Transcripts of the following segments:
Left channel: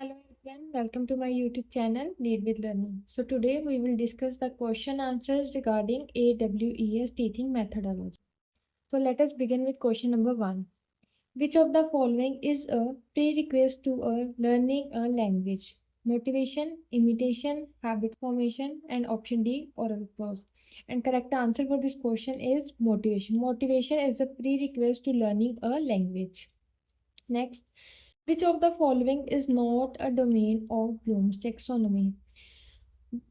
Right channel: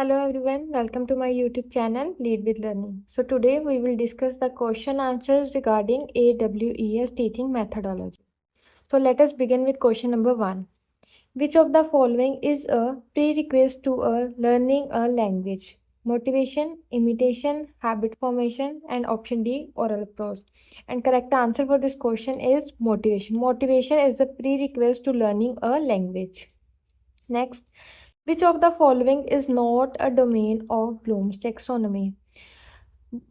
Hello everyone, welcome to my YouTube channel Lead with Learning. So today we will discuss the question answers regarding AWES teaching methodology. So let us begin with question number 1. Which of the following is a prerequisite to learning a language? Motivation, imitation, habit formation, and option D, oral prose. And correct answer for this question is motivation. Motivation is the prerequisite to learning a language. Next, which of the following is not a domain of Bloom's taxonomy?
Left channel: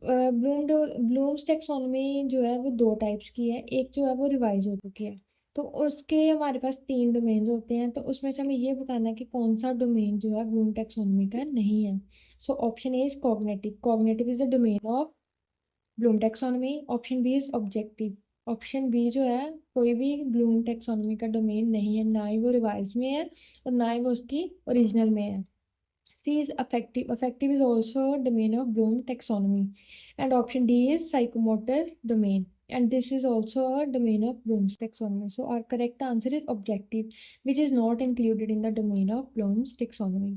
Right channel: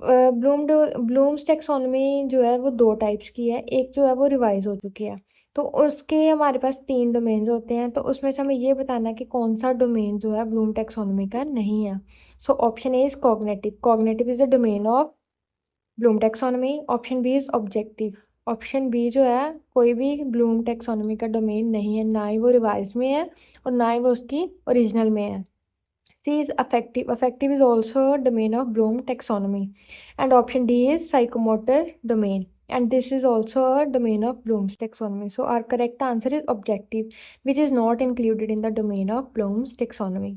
Bloom's taxonomy जो है वो दो types की है। एक जो है वो रिवाइज हो चुकी है, तो उसके हमारे पास 3 डोमेन्स होते हैं। तो उसमें से हमें ये बताना है कि कौन सा डोमेन जो है ब्लूम टेक्सोनोमी का नहीं है। So option A is cognitive. Cognitive is the domain of Bloom taxonomy. Option B is objective. Option B जो है कोई भी ब्लूम टेक्सोनोमी का डोमेन नहीं है, ना ही वो रिवाइज में है और ना ही वो उसकी ओरिजिनल में है। C is affective. Affective is also a domain of Bloom taxonomy. And option D is psychomotor domain. And this is also a domain of Bloom's taxonomy. So our correct answer is objective, which is not included in the domain of Bloom's taxonomy.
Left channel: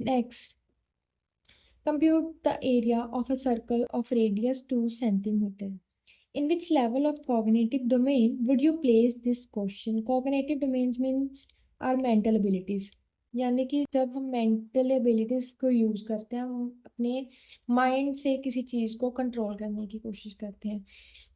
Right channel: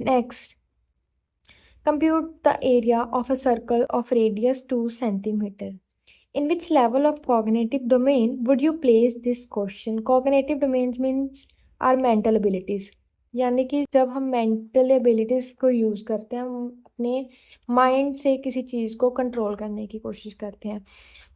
Next, compute the area of a circle of radius 2 centimeter. In which level of cognitive domain would you place this question? Cognitive domains means our mental abilities. यानी कि जब हम mental abilities को use करते हैं, हम अपने mind से किसी चीज को कंट्रोल करने की कोशिश करते हैं।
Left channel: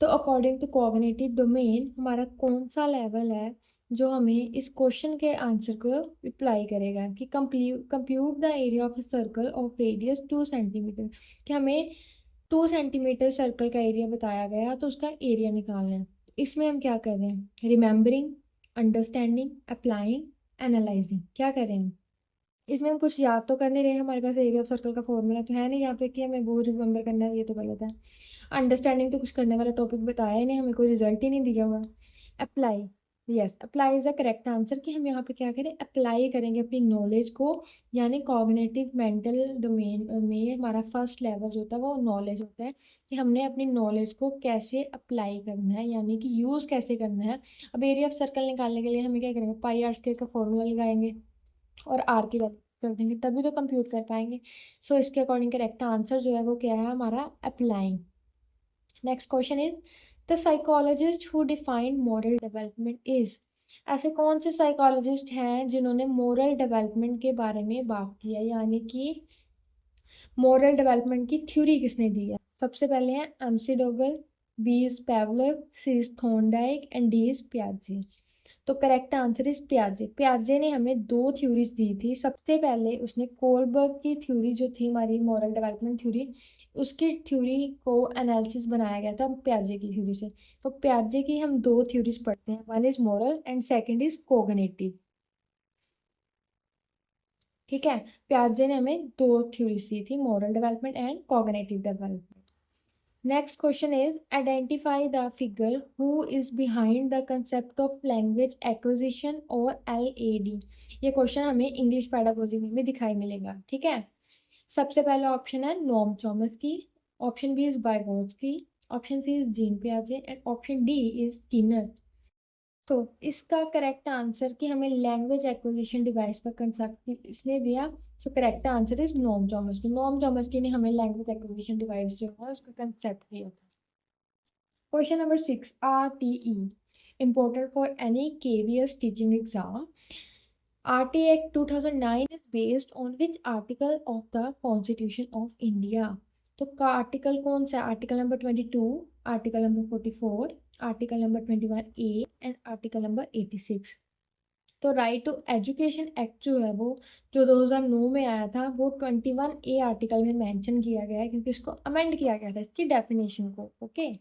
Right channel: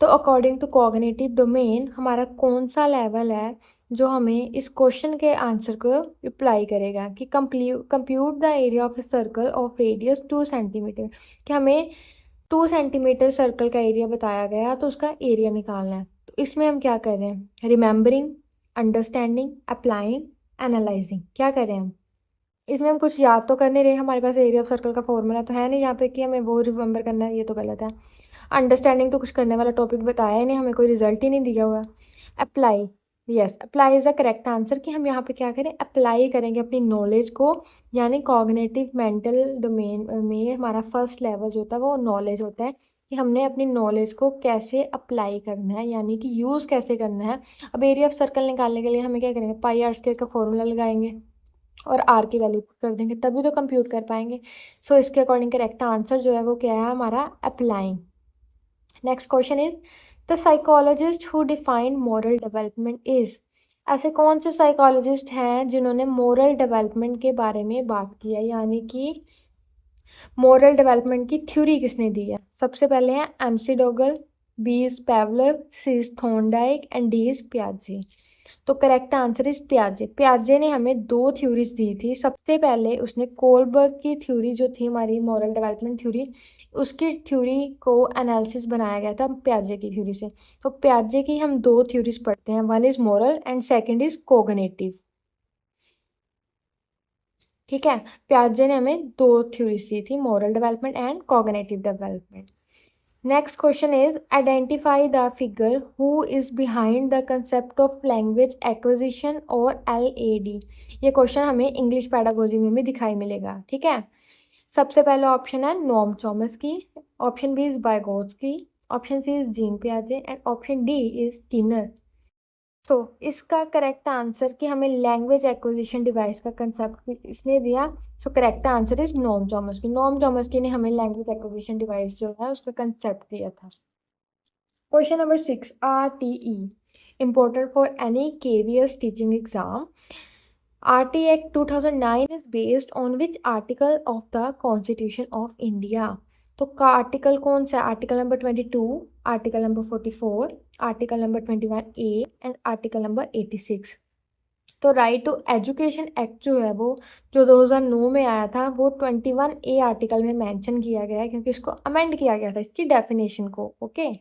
तो अकॉर्डिंग टू कॉग्निटिव डोमेन हमारा कौन सा लेवल है जो हमें इस क्वेश्चन के आंसर को रिप्लाई करेगा कि compute the area of a circle of radius 2 centimetre. कि हमें 2 सेंटीमीटर सर्कल का एरिया बताया गया तो उसका एरिया निकालना है। तो इसमें हम क्या कर रहे हैं? Remembering, understanding, applying, analysing. क्या कर रहे हैं हम? इसमें हम कुछ याद तो कर नहीं रहे। हमारे पास एरिया ऑफ सर्कल का फॉर्मूला तो है नहीं यहाँ पे कि हमें वो रिमेंबर करना है, ये तो गलत है। अंडरस्टैंडिंग तो कुछ करने वाला टॉपिक बताया ही नहीं, हमें कोई रिजल्ट ही नहीं दिया हुआ। Apply, yes, apply is the correct answer कि हम यहाँ पे क्या करें? अप्लाई करेंगे अपनी नॉलेज को। यानी कॉग्निटिव मेंटल डोमेन में हमारा फर्स्ट लेवल जो होता है वो नॉलेज होता है कि हमने अपनी नॉलेज को कैसे अप्लाई करना है, यानी कि यूज़ कैसे करना है। अब एरिया ऑफ सर्कल निकालने के लिए हमें क्या करेंगे? पाई आर स्क्वायर का फॉर्मूला लगाएंगे और आर की वैल्यू कर देंगे, तभी तो कंप्यूट कर पाएंगे। सो इसके अकॉर्डिंग करेक्ट आंसर जो है वो क्या है? हमारा applying. Next question is the psychologist who defined moral development is. ऐसे कौन से साइकोलॉजिस्ट हैं जिन्होंने मॉरल डेवलपमेंट के बारे में बात की है, यानी कि मॉरल डेवलपमेंट की थ्योरी किसने दी है? सबसे पहले है McDougall, B is Pavlov, C is Thorndike and D is पियाजे। तो करेक्ट आंसर इज पियाजे। पियाजे ने हमें 2 थ्योरीज दी थी। सबसे पहले उसने कोलबर्ग की थ्योरी जो थी हमारी मॉरल डेवलपमेंट थ्योरी, उसकी थ्योरी को एनालिसिस बनाया गया था पियाजे की थ्योरी से। तो पियाजे की हम 2 थ्योरीज पढ़ते हैं, one is moral and second is cognitive. ठीक है, पियाजे ने हमें 2 थ्योरीज दी थी, moral development and cognitive development. Next question is identify the figure who is behind the concept of language acquisition or LAD। ये क्वेश्चन हमें English pedagogy में भी दिखाई मिलेगा। ठीक है, सबसे पहला ऑप्शन है नॉम चॉमस्की की, option B is Vygotsky, option C is Jean पियाजे and option D is Skinner. तो इसका करेक्ट आंसर कि हमें लैंग्वेज एक्विजिशन डिवाइस का कंसेप्ट इसने दिया। So correct answer is Noam Chomsky. Noam Chomsky ने हमें लैंग्वेज एक्विजिशन डिवाइस जो है उसका कंसेप्ट दिया था। Question number 6, RTE important for any KVS teaching exam। RT Act 2009 is based on which article of the Constitution of India। तो का article कौन सा है? Article number 22, article number 44, article number 21A and article number 86। तो right to education act जो है वो जो 2009 में आया था वो 21A आर्टिकल में मेंशन किया गया है, क्योंकि इसको अमेंड किया गया था इसकी डेफिनेशन को। Okay,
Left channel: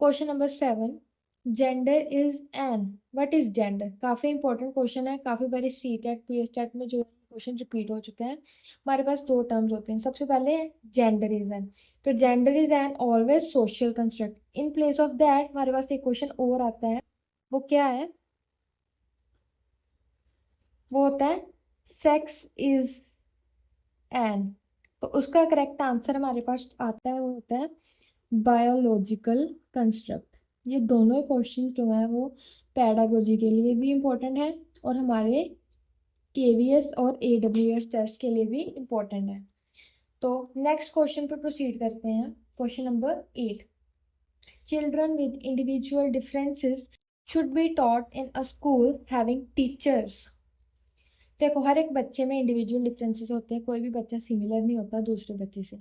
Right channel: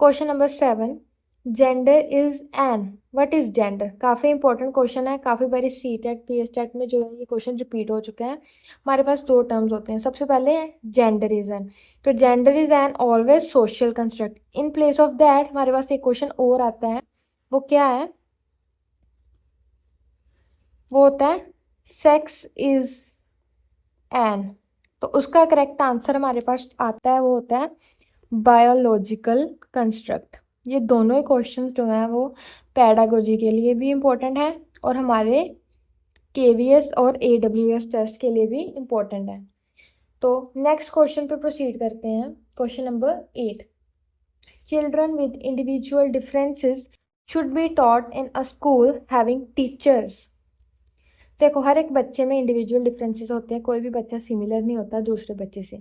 question number 7, gender is an. What is gender? काफी इंपॉर्टेंट क्वेश्चन है, काफी बारी CTET PSTET में जो है ये क्वेश्चन रिपीट हो चुके हैं। हमारे पास 2 टर्म्स होते हैं। सबसे पहले जेंडर इज एन। तो gender is N always social construct. In place of that हमारे पास एक क्वेश्चन और आता है, वो क्या है? वो होता है सेक्स इज एन। तो उसका करेक्ट आंसर हमारे पास आता है, वो होता है बायोलॉजिकल कंस्ट्रक्ट। ये दोनों ही क्वेश्चंस जो हैं वो पैडागोजी के लिए भी इम्पोर्टेंट है और हमारे KVS और AWS टेस्ट के लिए भी इम्पोर्टेंट है। तो नेक्स्ट क्वेश्चन पे प्रोसीड करते हैं। Question number 8, children with individual differences should be taught in a school having teachers. देखो, हर एक बच्चे में इंडिविजुअल डिफरेंसेस होते हैं, कोई भी बच्चा सिमिलर नहीं होता दूसरे बच्चे से।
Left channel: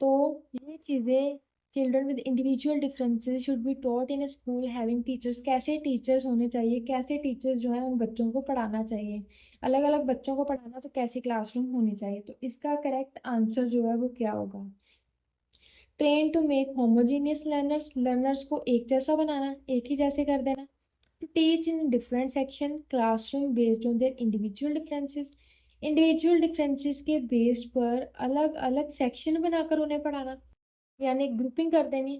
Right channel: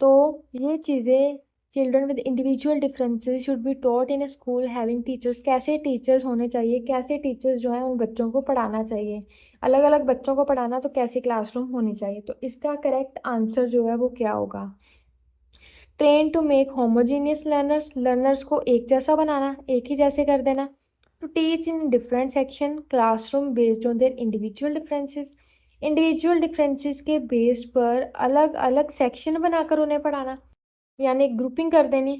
तो ये चीज़ें, children with individual differences should be taught in school having teachers, कैसे टीचर्स होने चाहिए, कैसे टीचर्स जो है उन बच्चों को पढ़ाना चाहिए, अलग अलग बच्चों को पढ़ाना, तो कैसे क्लासरूम होनी चाहिए। तो इसका करेक्ट आंसर जो है वो क्या होगा? Train to make homogeneous learners, learners को एक जैसा बनाना, एक ही जैसे कर देना। To teach in different section classroom based on their individual differences, individual differences के बेस पर अलग अलग सेक्शन बनाकर उन्हें पढ़ाना, यानी ग्रुपिंग कर देनी।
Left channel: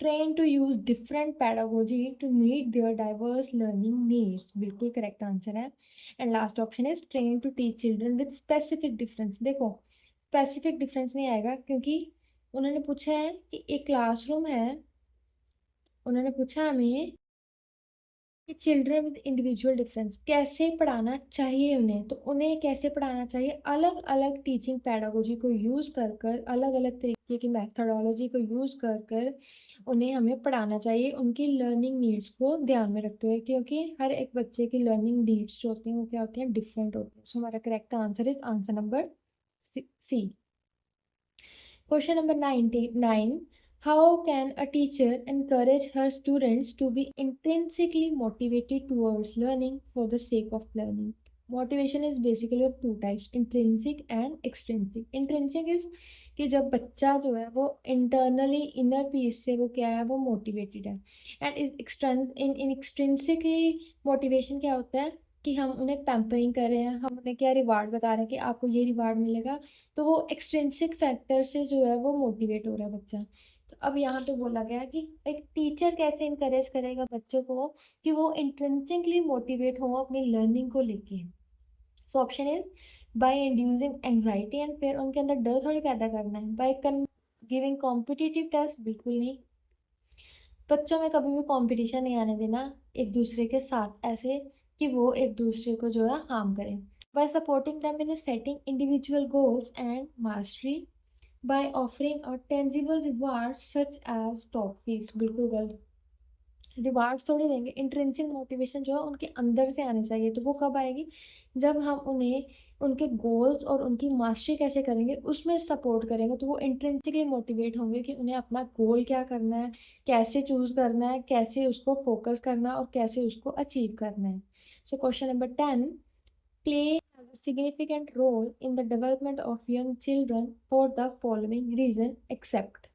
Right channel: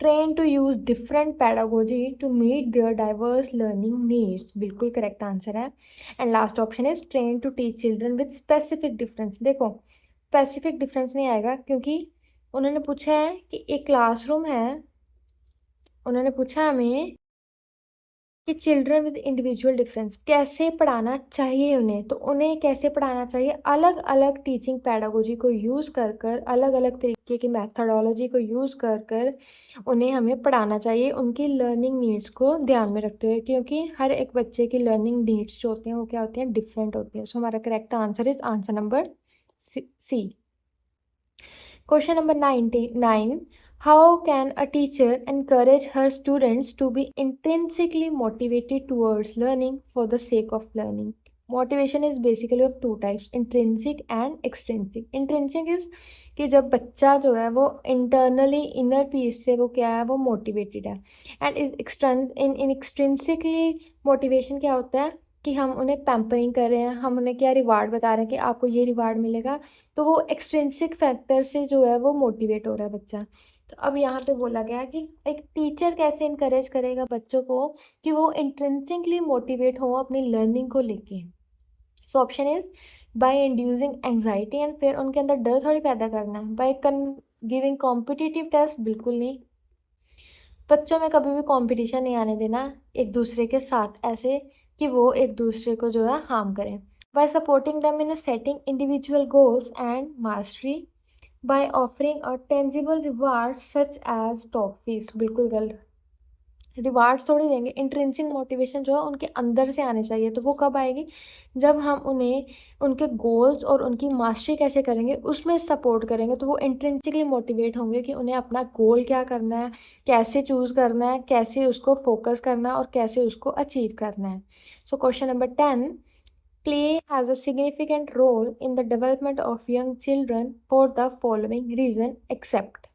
Train to use different pedagogy to meet their diverse learning needs, बिल्कुल करेक्ट आंसर है। And last option is train to teach children with specific difference. देखो, स्पेसिफिक डिफरेंस नहीं आएगा क्योंकि उन्होंने पूछा है कि एक क्लासरूम है, उन्होंने पूछा हमें कि चिल्ड्रन विद इंडिविजुअल डिफरेंस कैसे पढ़ाना चाहिए उन्हें, तो उन्हें कैसे पढ़ाना चाहिए, अलग अलग टीचिंग पैडागोजी को यूज़ कर कर, अलग अलग तरीके की मैथडोलॉजी को यूज़ कर कर उन्हें हमें पढ़ाना चाहिए, उनकी लर्निंग नीड्स को ध्यान में रखते हुए, क्योंकि हर एक बच्चे की लर्निंग नीड्स जो होती हैं वो क्या होती हैं, डिफरेंट होती हैं। सो हमारा correct answer is answer number C. Question number 99. How can a teacher encourage her students to be intrinsically motivated towards learning for the sake of learning? Motivation is basically of two types, intrinsic and extrinsic. Intrinsic is कि जब बच्चा जो है वो internally inner peace से वो क्या है, वो मोटिवेटेड है। एंड इन एक्सट्रिंसिकली मोटिवेशन क्या होता है कि हम उन्हें पैम्परिंग कर रहे हैं, हम उन्हें क्या रिवार्ड बता रहे हैं कि आपको ये रिवार्ड मिलेगा, तो वो एक्सट्रिंसिक फैक्टर से जो है वो मोटिवेट हो रहा है बच्चा। तो अब यहाँ पे बोला गया है कि एक टीचर कैसे इंकरेज करेगा बच्चों को कि वो इंट्रिंसिकली मोटिवेट हो अपनी लर्निंग को लेके। So option is by inducing anxiety and फिर उनके अंदर डर थोड़ी पैदा करना है, बाय गिविंग कॉम्पिटिटिव टेस्ट, बिल्कुल नहीं। बच्चों में कभी भी कंपटीशन नहीं आने देना एक दूसरे के साथ, ऐसे कि वो एक दूसरे को जो है हार्म करें। By supporting them in setting individual goals and mastery, by offering a tangible reward such as toffees, बिल्कुल गलत। रिवार्ड थोड़ी देंगे, इंट्रिंसिक मोटिवेशन जो है उनके अंदर से आनी चाहिए। तो वो कब आएगी, जब हम उन्हें उनके गोल्स और उनकी मास्टरी कैसे करेंगे उसमें सपोर्ट करेंगे, तो वो इंट्रिंसिकली मोटिवेट होंगे कि उन्हें अपना गोल क्या करना है, कैसे चूज करना है, कैसे उसको फोकस करना है और कैसे उसको अचीव करना है। So question number 10, play has a significant role in the development of young children for the following reason except।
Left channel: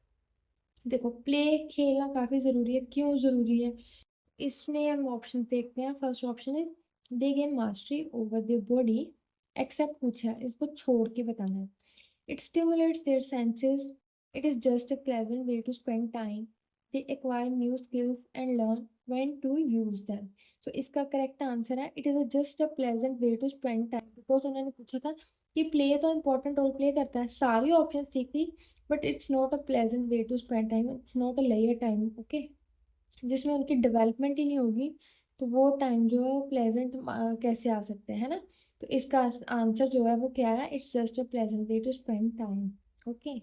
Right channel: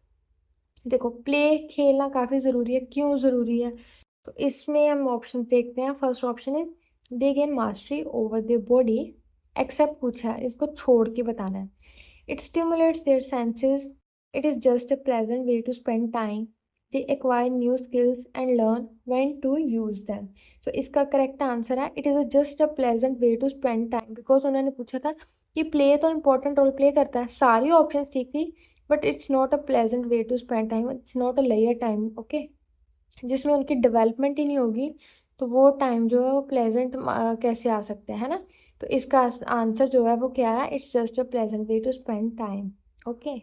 देखो, प्ले खेलना काफी जरूरी है, क्यों जरूरी है, तो इसमें हम ऑप्शन देखते हैं। First option is they gain mastery over their body, except पूछा है, इसको छोड़ के बताना है। It stimulates their senses, it is just a pleasant way to spend time, they acquire new skills and learn when to use them. तो इसका correct answer है it is just a pleasant way to spend time, because उन्होंने पूछा था कि play तो important role play करता है, सारी ऑप्शन ठीक थी, but it's not a pleasant way to spend time, it's not a layer time, okay, जिसमें उनकी डेवलपमेंट ही नहीं होगी, तो वो टाइम जो है वो प्लेजेंट कैसे आ सकता है ना। तो इसका आंसर जो है वो क्या है, it's just a pleasant way to spend time, okay.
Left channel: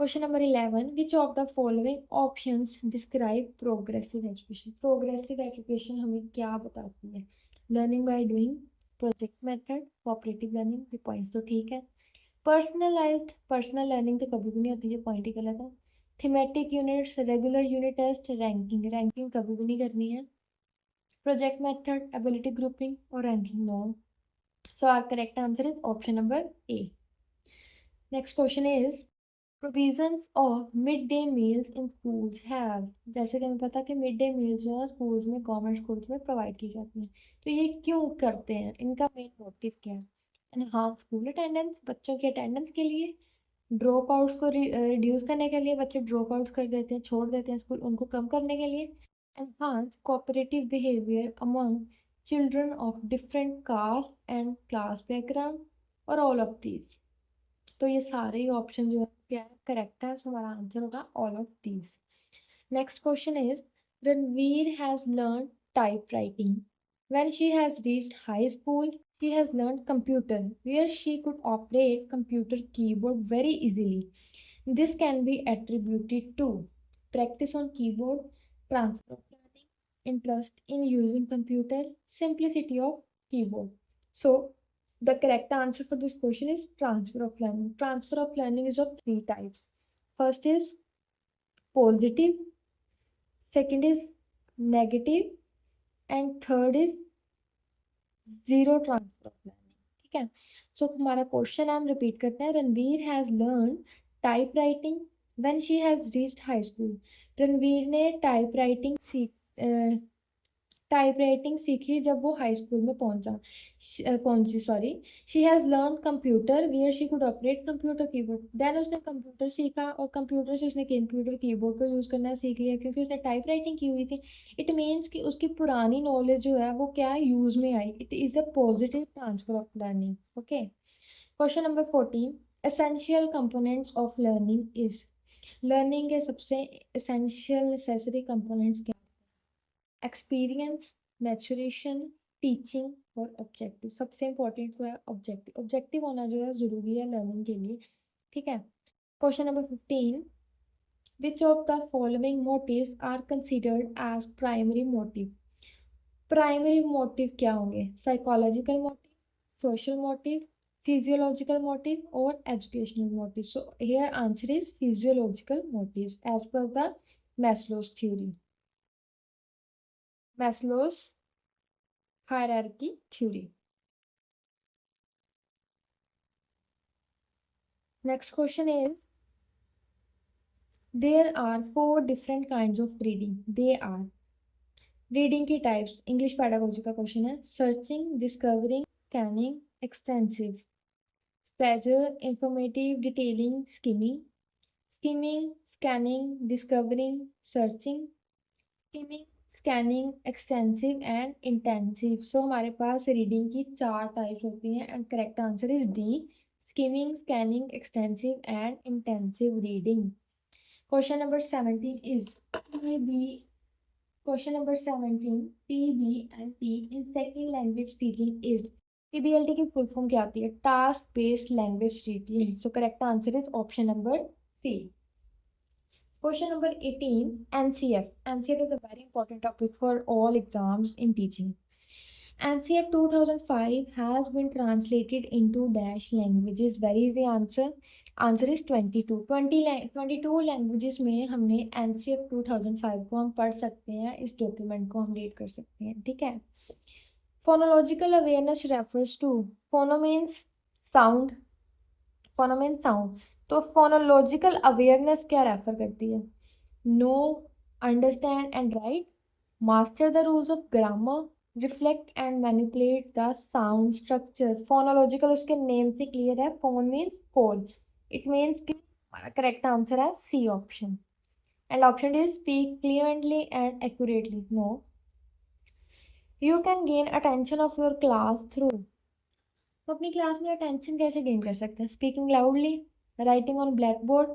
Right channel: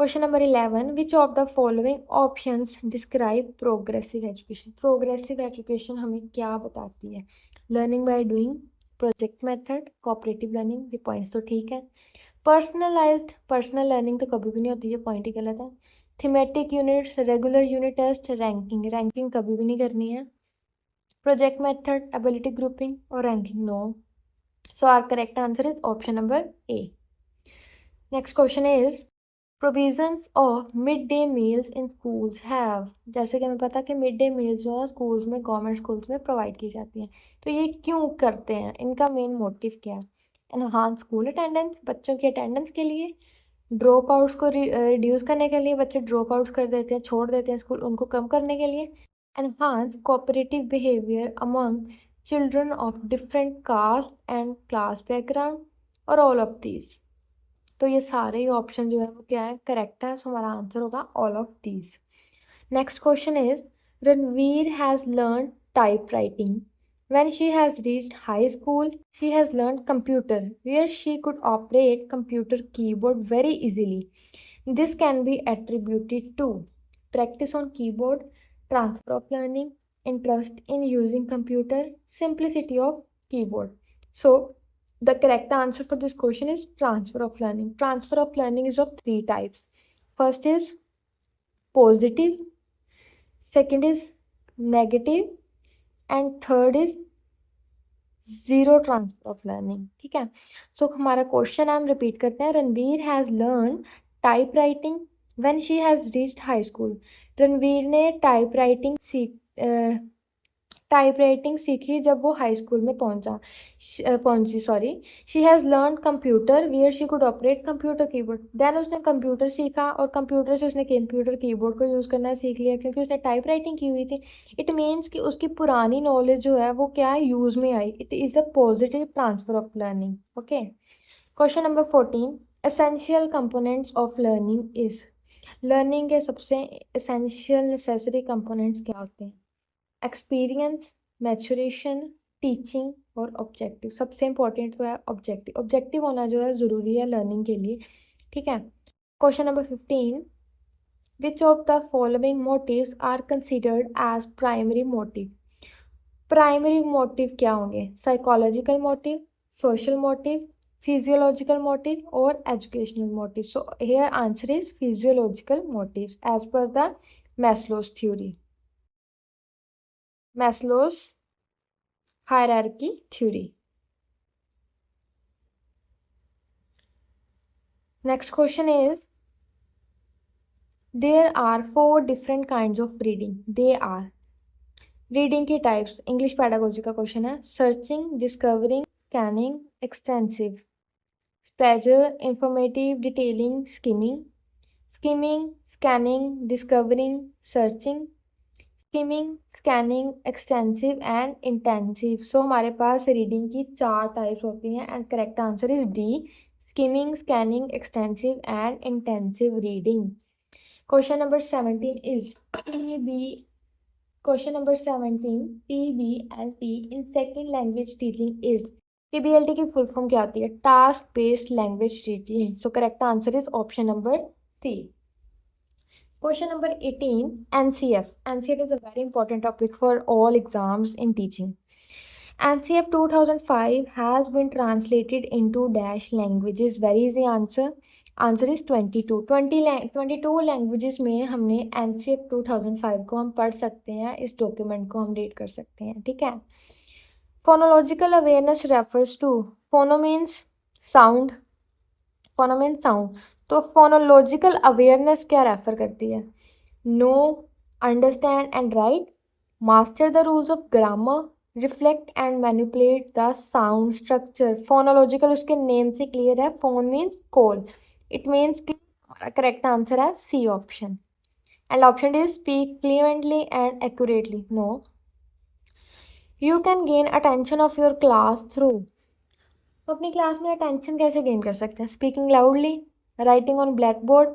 Question number 11, which of the following options describe progressive education. Progressive education हमें क्या बताती है, learning by doing, project method, cooperative learning, ये पॉइंट्स तो ठीक है। पर्सनलाइज्ड, पर्सनल लर्निंग तो कभी भी नहीं होती, ये पॉइंट ही गलत है। Thematic units, regular unit test, ranking, ranking कभी भी नहीं करनी है। प्रोजेक्ट मेथड, एबिलिटी ग्रुपिंग और ranking, no. So our correct answer is option number A. Next question is provisions of mid day meals in schools have. जैसे कि हमें पता है कि मिड डे मील्स जो है स्कूल्स में, गवर्नमेंट स्कूल्स में प्रोवाइड की जाती हैं, तो ये क्यों करते हैं, इनका मेन मोटिव क्या है? एनहांस स्कूल अटेंडेंस, बच्चों की अटेंडेंस के लिए, ड्रॉप आउट्स को रिड्यूस करने के लिए, बच्चे ड्रॉप आउट्स कर देते हैं, छोड़ देते हैं स्कूल, उनको कम करने के लिए, enhance cooperative behaviour among children of different caste and class background, और ऑल ऑफ दीज। तो ये सारे ही ऑप्शन जो है वो क्या है, करेक्ट है। सो हमारा आंसर होगा all of these. Next question is Ranveer has learn type writing When she has reached high school, she has learned computer, where she could operate computer keyboard very easily. This can be attributed to practice on keyboard, transfer of learning, interest in using computer, simplicity of keyboard. So, the correct answer for this question is transfer of learning. Transfer of learning is of three types. First is positive, second is negative, and third is zero transfer of learning. ठीक है. सो हमारा question हम repeat करते हैं. Ranveer has learn type writing when she has reached high school. Ranveer ने type writing सीखी जब वो हाई स्कूल में पहुंची. Sorry. She has learn computer where she could operate computer keyboard. Then उसने कंप्यूटर सीखा और कंप्यूटर से उसने कंप्यूटर कीबोर्ड को यूज करना सीख लिया क्योंकि उसने टाइप राइटिंग की हुई थी. इट मीन्स कि उसकी पुरानी नॉलेज जो है वो क्या है, यूज में आई. It is a positive transfer of learning. Okay. Question number 14. Essential components of learning is. Learning के सबसे एसेंशियल नेसेसरी कंपोनेंट्स क्या होते हैं? एक्सपीरियंस, मैचुरेशन, टीचिंग और ऑब्जेक्टिव. सबसे इंपॉर्टेंट तो है ऑब्जेक्टिव. ऑब्जेक्टिव होना जो है ज़रूरी है लर्निंग के लिए. ठीक है. Question number 15. Which of the following motives are considered as primary motive. Primary motive क्या होंगे? Psychological motive, social motive, physiological motive और educational motive. So here answer is physiological motives as per the Maslow's theory. Maslow's hierarchy theory. Next question is, there are four different kinds of reading. They are reading की types. English pedagogy का question है. Searching, discovering, scanning, extensive. Pleasure, informative, detailing, skimming. Skimming, scanning, discovering, searching. Skimming, scanning, extensive and intensive. So हमारे पास reading की चार types होती हैं and correct answer is D. Skimming, scanning, extensive and intensive reading. Question number 17 is TB. Question number 17. TBLT in second language teaching is. TBLT की full form क्या होती है? Task based language teaching. So correct answer is option number C. Question number 18, NCF. NCF is a very important topic for all exams in teaching. NCF 2005 has been translated into dash languages. Where is the answer? Answer is 22. 22 languages में हमने NCF 2005 को हम पढ़ सकते हैं. इस document को हम रीड कर सकते हैं. ठीक है. Phonological awareness refers to. Phono means sound. Phono means sound. तो फोनोलॉजिकल अवेयरनेस क्या रेफर करती है? No, understand and write, master the rules of grammar, reflect and manipulate the sound structure. Phonological उसके नेम से क्लियर है. Phone means call. It means कि हमारा correct answer है C option. And option is speak fluently and accurately. No. You can gain attention of your class through. तो अपनी class में attention कैसे गेन कर सकते हैं? Speaking loudly, writing on black board,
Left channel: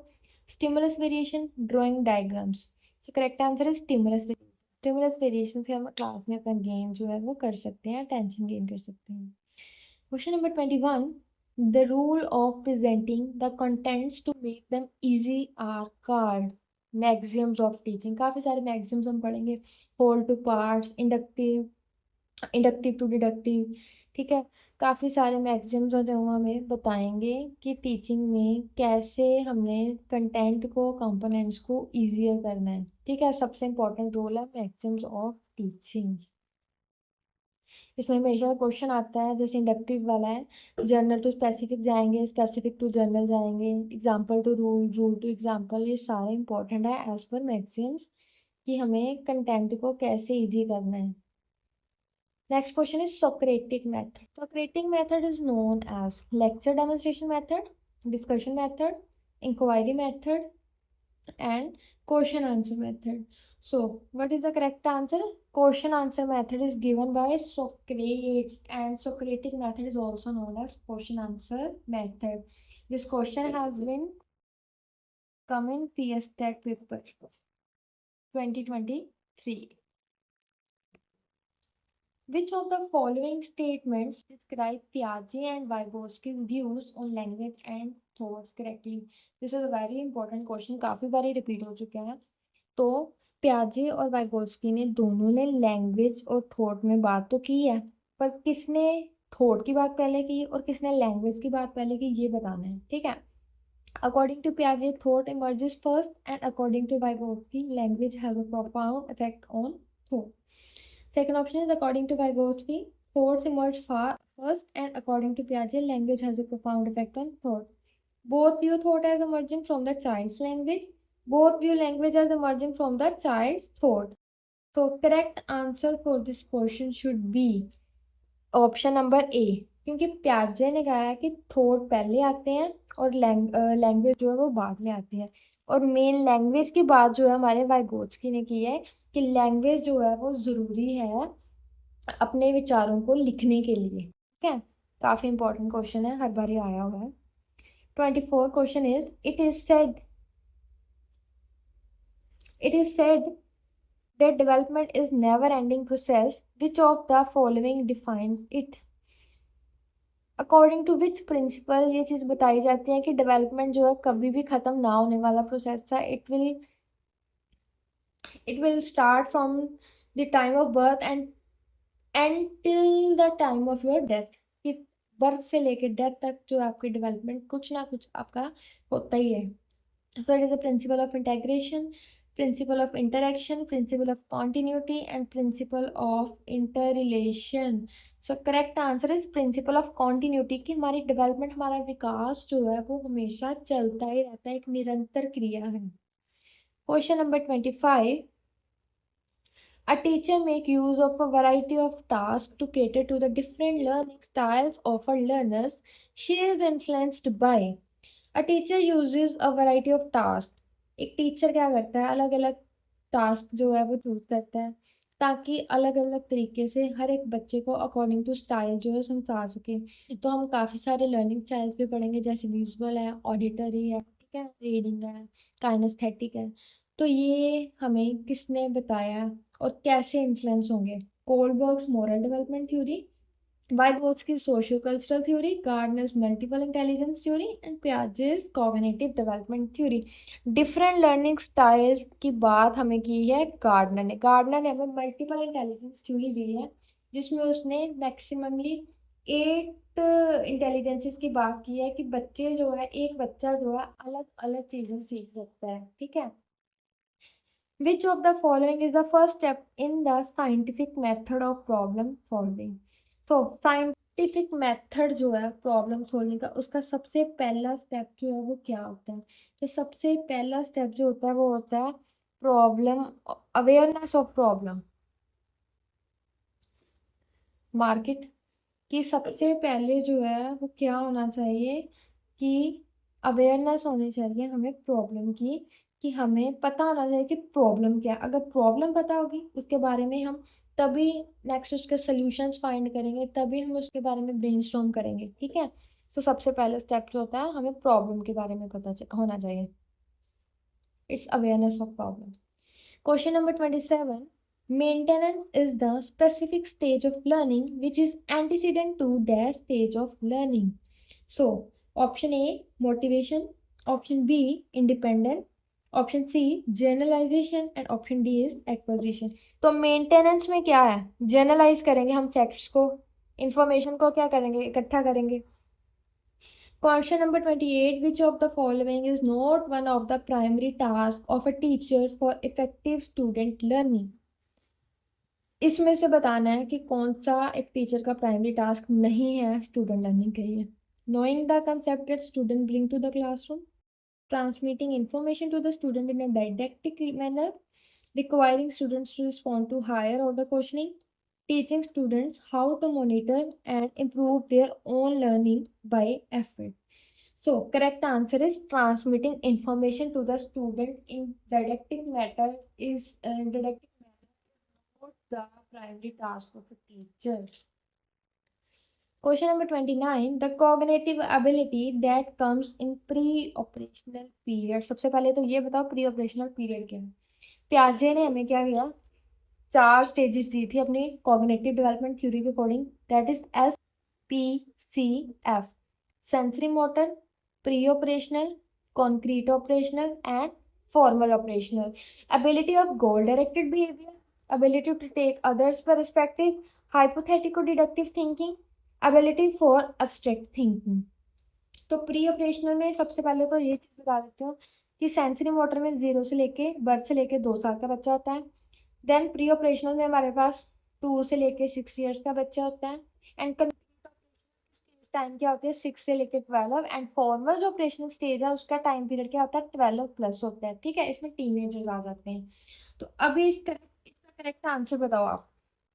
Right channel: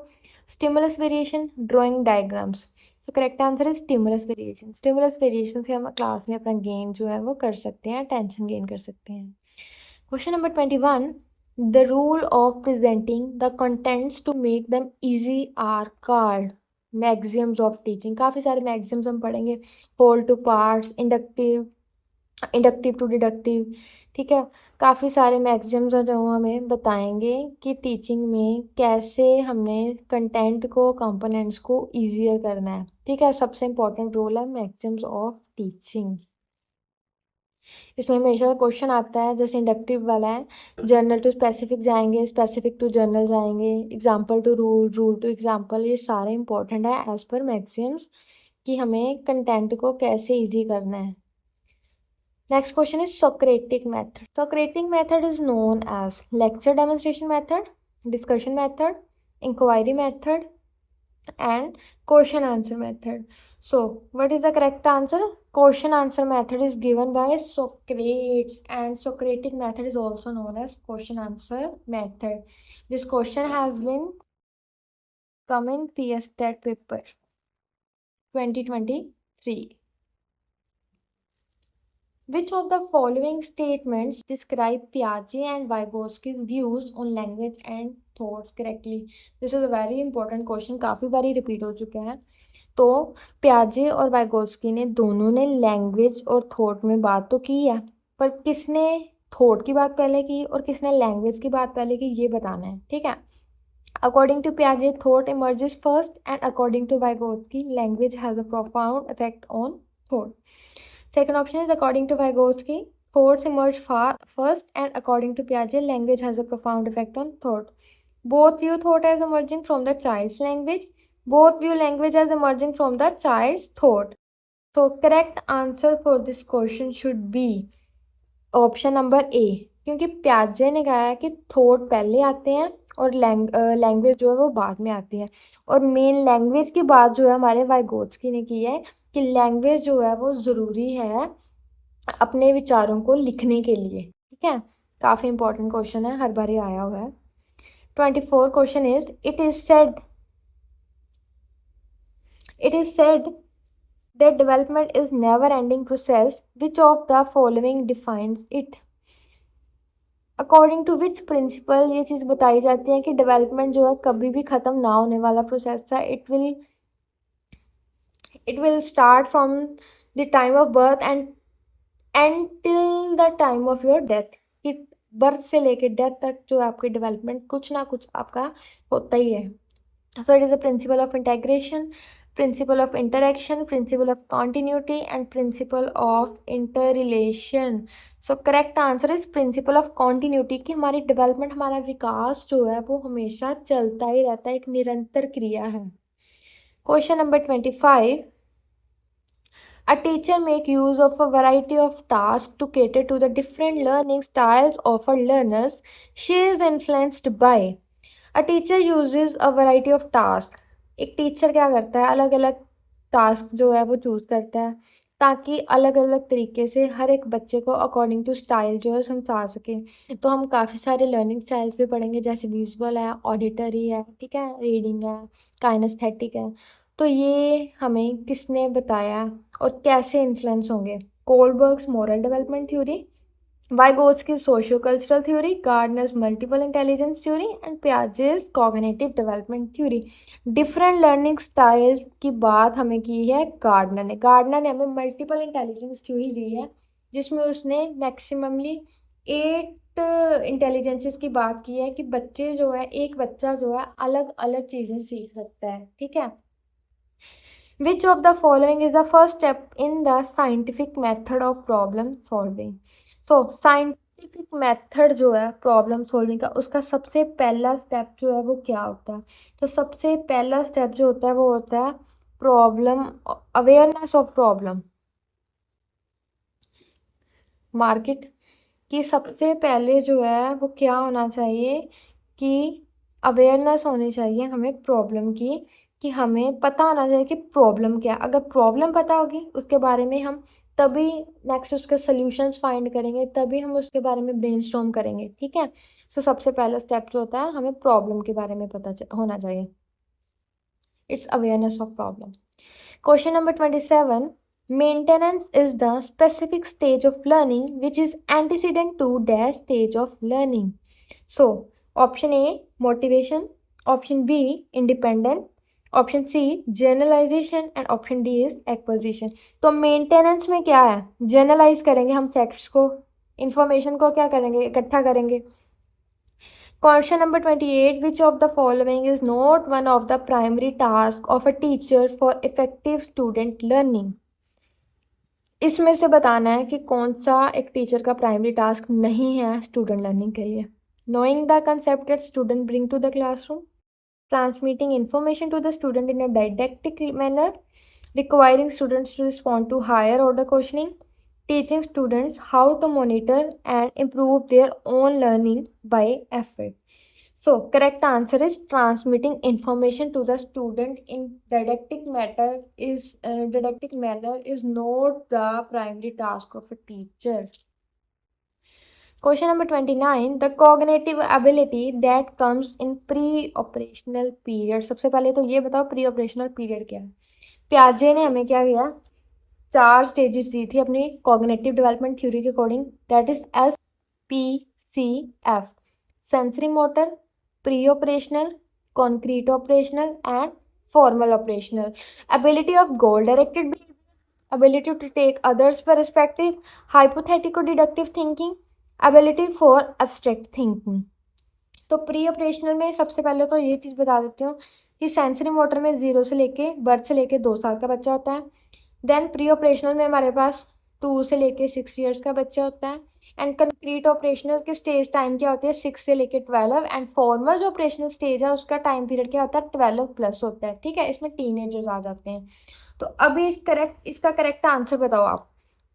stimulus variation, drawing diagrams. So correct answer is stimulus variation. Stimulus variation से हम class में अपना गेम जो है वो कर सकते हैं, अटेंशन गेन कर सकते हैं. Question number 21. The rule of presenting the contents to make them easy are called. Maxims of teaching. काफ़ी सारे मैक्सिम्स हम पढ़ेंगे. Whole to parts, inductive, inductive to deductive. ठीक है. काफ़ी सारे मैक्सिम्स जो हमें बताएंगे कि टीचिंग में कैसे हमें कंटेंट को, कंपोनेंट्स को ईजियर करना है. ठीक है. सबसे इंपॉर्टेंट रोल है मैक्सिम्स ऑफ टीचिंग. इसमें हमेशा क्वेश्चन आता है जैसे इंडक्टिव वाला है, जनरल टू स्पेसिफिक जाएंगे, स्पेसिफिक टू जनरल जाएंगे, example to rule, rule to example. ये सारे इंपॉर्टेंट है एज पर मैक्सिम्स कि हमें कंटेंट को कैसे ईजी करना है. Next question is Socratic method. Socratic method is known as lecture demonstration method, discussion method, inquiry method, and question answer method. So, what is the correct answer? Question answer method is given by Socrates, and Socratic method is also known as question answer method. This question has been come in PS Stat paper 2023. Which of the following statements describe Piaget and Vygotsky's views on language and thoughts correctly? This is a very important question, काफी बारी repeat हो चुका है। तो प्याजे और Vygotsky ने दोनों ने लैंग्वेज और थॉट में बात तो की है, पर किसने थॉट की बात पहले की और किसने लैंग्वेज की बात पहले की, ये बताना है, ठीक है। According to Piaget, thought emerges first, and according to Vygotsky, language has a profound effect on thought. Second option is according to Vygotsky, thoughts emerge first, and according to Piaget, language has a profound effect on thought. Both view thought as emerging from the child's language. Both view language as emerging from the child's thought. So, correct answer for this question should be option number ए, क्योंकि प्याजे ने कहा है कि thought पहले आते हैं और language जो है वो बाद में आती है। और मेन लैंग्वेज की बात जो है हमारे वाइगोत्स्की ने की है कि लैंग्वेज जो है वो ज़रूरी है अपने विचारों को लिखने के लिए, ठीक है। काफ़ी इंपॉर्टेंट क्वेश्चन है, हर बार ही आया हुआ है। 24 question is it is said that development is never ending process. Which of the following defines it? According to which principle ये चीज बताई जाती है कि डेवलपमेंट जो है कभी भी खत्म ना होने वाला प्रोसेस है। It will start from the time of birth and till the time of your death. कि बर्थ से लेके डेथ तक जो आपकी डेवलपमेंट कुछ ना कुछ आपका होता ही है। So it is a principle of integration, principle of interaction, principle of continuity, and principle of interrelation. So correct answer is principle of continuity कि हमारी डेवलपमेंट, हमारा विकास जो है वो हमेशा चलता ही रहता है, एक निरंतर क्रिया है। Question number 25, a teacher make use of a variety of tasks to cater to the different learning styles of her learners she is influenced by. A teacher usage a variety of task. एक teacher क्या करता है, अलग अलग task जो है वो choose करता है ताकि अलग अलग तरीके से हर एक बच्चे को अकॉर्डिंग टू स्टाइल जो है समझा सके। तो हम काफ़ी सारे लर्निंग स्टाइल्स भी पढ़ेंगे, जैसे विजुअल है, ऑडिटरी है, ठीक है, रीडिंग है, काइनेस्थेटिक है। तो ये हमें किसने बताया और कैसे इन्फ्लुएंस होंगे? Kohlberg's moral development theory, Vygotsky's socio-cultural theory, Gardner's multiple intelligence theory, and Piaget's cognitive development theory. Different learning styles की बात हमें की है गार्डनर ने हमें मल्टीपल इंटेलिजेंस थ्योरी दी है, जिसमें उसने मैक्सिममली 8 इंटेलिजेंसेस की बात की है कि बच्चे जो है, एक बच्चा जो है अलग अलग चीजें सीख सकता है, ठीक है। Which of the following is the first step in the scientific method of problem solving? So scientific method जो है प्रॉब्लम सॉल्विंग का, उसका सबसे पहला स्टेप जो है वो क्या होता है? तो सबसे पहला स्टेप जो होता है वो होता है problem awareness of problem. Market की सबसे पहले जो है वो क्या होना चाहिए कि अवेयरनेस होनी चाहिए हमें प्रॉब्लम की, कि हमें पता होना चाहिए कि प्रॉब्लम क्या है। अगर प्रॉब्लम पता होगी उसके बारे में हम तभी नेक्स्ट उसके सॉल्यूशंस फाइंड करेंगे, तभी हम उसके बारे में ब्रेनस्टॉर्म करेंगे, ठीक है। तो सबसे पहला स्टेप जो होता है हमें प्रॉब्लम के बारे में पता होना चाहिए। It's awareness of problem. Question number 27. Maintenance is the specific stage of learning which is antecedent to dash stage of learning. So, option A, motivation. Option B, independent. Option C, generalization. And option D is acquisition. तो maintenance में क्या है? Generalise करेंगे हम text को, information को क्या करेंगे, इकट्ठा करेंगे। Question number 28. Which of the following is not one of the primary tasks of a teacher for effective student learning? इसमें से बताना है कि कौन सा एक टीचर का प्राइमरी टास्क नहीं है स्टूडेंट लर्निंग के लिए। Knowing the concept that student bring to the classroom, transmitting information to the student in a didactic manner, requiring students to respond to higher order questioning, teaching students how to monitor and improve their own learning by effort. So, correct answer is transmitting information to the student in didactic manner is not the primary task of a teacher. Question number 29. The cognitive ability that comes in pre-operational period. सबसे पहले तो ये बताओ pre-operational period क्या है? प्याजे ने हमें क्या किया? 4 स्टेजेस दी थी अपनी कॉग्निटिव डेवलपमेंट थ्योरी के according, that is SPCF, sensory motor, pre operational, concrete operational and formal operational. Ability of goal directed behaviour, ability to take others perspective, hypothetical deductive thinking, ability for abstract thinking. तो pre operational में सबसे पहले तो ये चीज़ बता देती हूँ कि सेंसरी मोटर में 0 से लेके बर्थ से लेके 2 साल का बच्चा होता है. देन प्री ऑपरेशनल में हमारे पास 2 से लेके 6 ईयर्स का बच्चा होता है. एंड कंक्रीट ऑपरेशनल के स्टेज टाइम क्या होती है 6 से लेके 12. एंड फॉर्मल जो ऑपरेशनल स्टेज है उसका टाइम पीरियड क्या होता है 12 प्लस होता है. ठीक है, इसमें टीनेजर्स आ जाते हैं. तो अभी इसका करेक्ट आंसर बताओ आप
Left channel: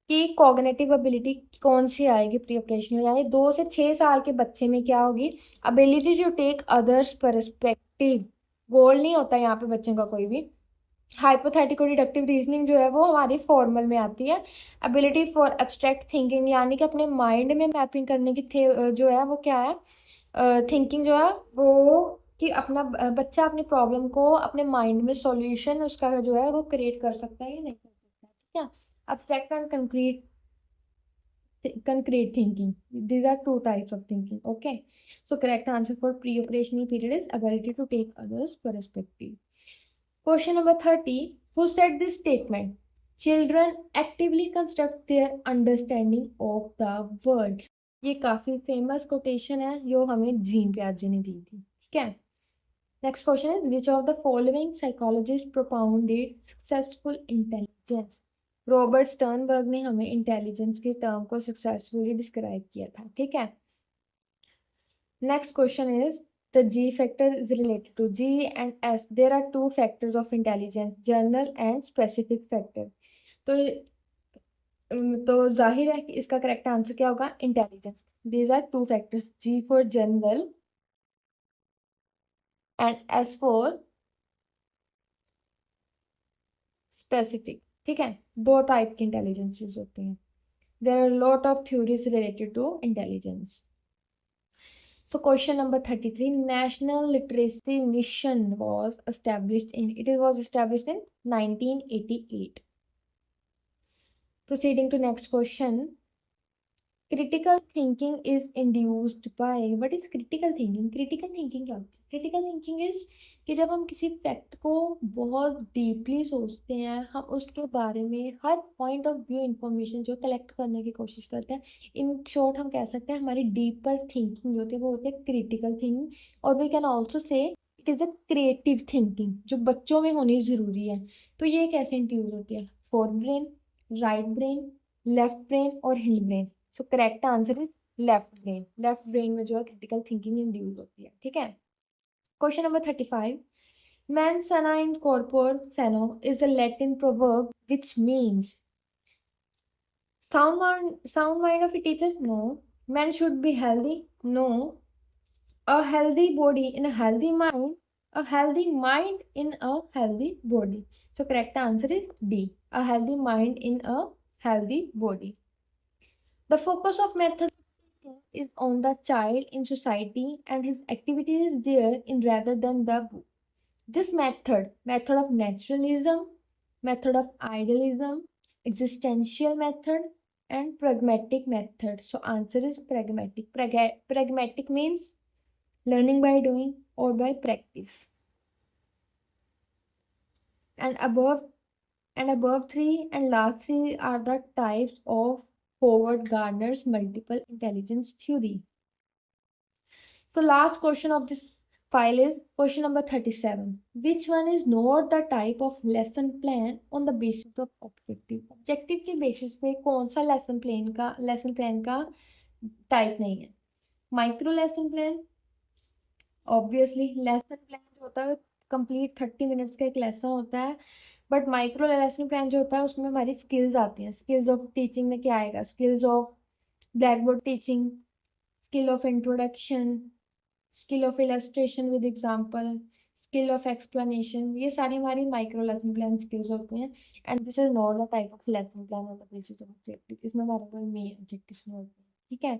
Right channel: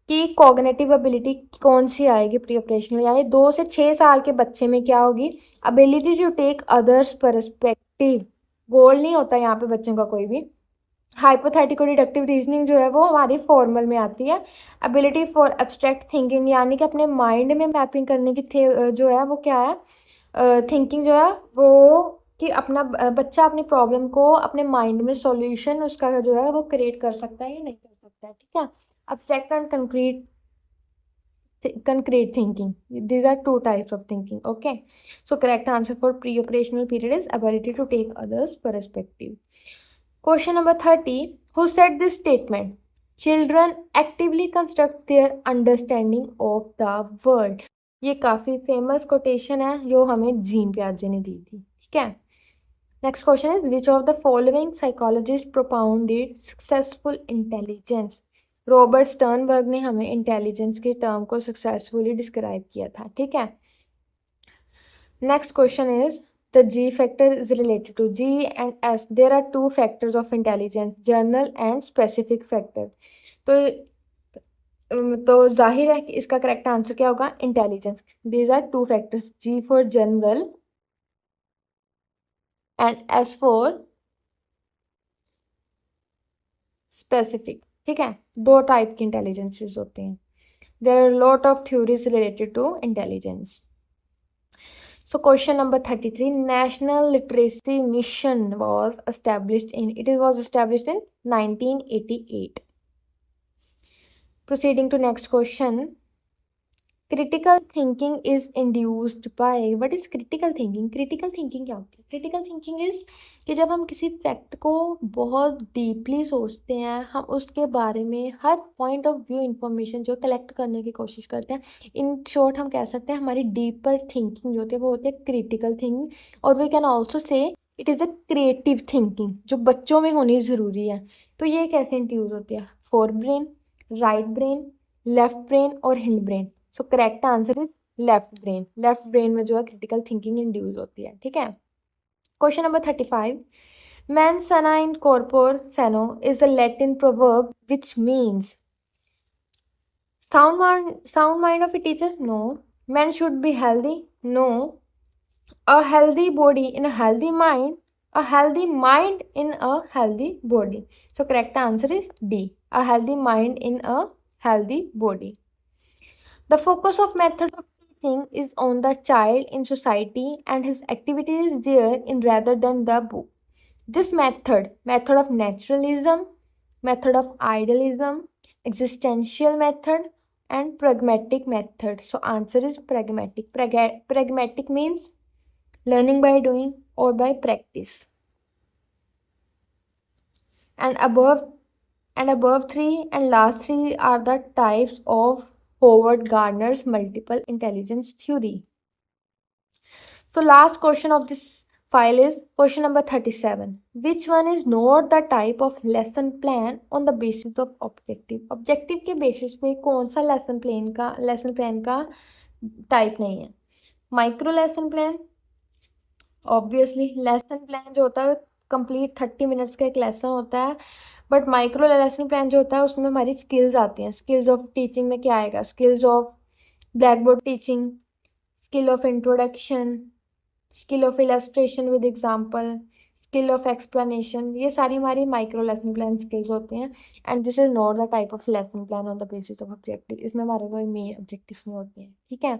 कि कॉग्निटिव एबिलिटी कौन सी आएगी प्री ऑपरेशनल, यानी 2 से 6 साल के बच्चे में क्या होगी, ability to take others perspective. Goal नहीं होता यहाँ पे बच्चों का कोई भी. हाइपोथेटिकल डिडक्टिव रीजनिंग जो है वो हमारी फॉर्मल में आती है. एबिलिटी फॉर एब्स्ट्रैक्ट थिंकिंग, यानी कि अपने माइंड में मैपिंग करने की जो है वो क्या है, थिंकिंग जो है वो, कि अपना बच्चा अपनी प्रॉब्लम को अपने माइंड में सॉल्यूशन उसका जो है वो क्रिएट कर सकता है या नहीं कर सकता है. ठीक है. Abstract and concrete thinking, these are two types of thinking. Okay, so correct answer for pre-operational period is ability to take others perspective. Question number 30, who said this statement, children actively construct their understanding of the world. ये काफी famous quotation है जो हमें gene पियाजे ने दी थी. ठीक है. Next question is which of the following psychologist propounded successful intelligence. Robert Sternberg ने हमें इंटेलिजेंस के टर्म को सक्सेसफुली डिस्क्राइब किया था. ठीक है. Next question is the G factor is related to G and S. There are 2 factors of intelligence, general and specific factor. तो जाहिर है कि इसका करेक्ट आंसर क्या होगा, intelligence. These are 2 factors, G for general and S for specific. ठीक है. 2 type की इंटेलिजेंसेस होते हैं. There are lot of theories related to intelligence. So question number 33, National Literacy Mission was established in, it was established in 1988. Proceeding to next question, critical thinking is induced by, what is critical thinking? Critical thinking क्या होती है? Critical thinking is कि जब हम किसी fact को बहुत deeply सोचते हैं, हम उसके बारे में हर पॉइंट ऑफ व्यू इंफॉर्मेशन जो कलेक्ट करने की कोशिश करते हैं. इन शॉर्ट हम कह सकते हैं हमारी डीपर थिंकिंग जो होती है वो होती है क्रिटिकल थिंकिंग. और we can also say it is a creative thinking जो बच्चों में होनी ज़रूरी है. तो ये कैसे इंट्यूज होती है, forebrain, right brain, left brain और hindbrain. So correct answer is left brain. Left brain में जो है क्रिटिकल थिंकिंग इंड्यूस होती है. ठीक है. Question number 35. Mens sana in corpore sano is a Latin proverb which means sound mind of a teacher? No. Men should be healthy? No. A healthy body in a healthy mind? A healthy mind in a healthy body. So correct answer is D. A healthy mind in a healthy body. The focus of method of teaching is on the child in society and his activity is there in rather than the book. This method of naturalism, method of idealism, existential method and pragmatic method. So answer is pragmatic. Pragmatic means learning by doing or by practice. And above 3 and last 3 are the types of Howard Gardner's multiple intelligence theory. So last question of this file is question number 37. Which one is not the type of lesson plan on the basis of objective? Objective के basis पे कौन सा lesson plan का type नहीं है? Micro lesson plan, obviously lesson plan जो होता है complete 30 minutes का एक lesson होता है. बट माइक्रो लेसन प्लान जो होता है उसमें हमारी स्किल्स आती हैं. स्किल्स ऑफ टीचिंग में क्या आएगा, skills of black board teaching, skill of introduction, skill of illustration with example, skill of explanation. ये सारी हमारी माइक्रो लेसन प्लान स्किल्स होते हैं. And this is not the type of lesson plan on the basis of objective. इसमें हमारे कोई main objective नहीं होते हैं. ठीक है.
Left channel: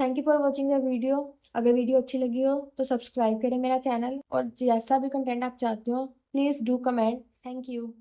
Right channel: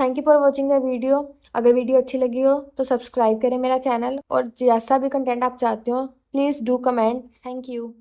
Thank you for watching the video. अगर वीडियो अच्छी लगी हो तो सब्सक्राइब करें मेरा चैनल, और जैसा भी कंटेंट आप चाहते हो please do comment. Thank you.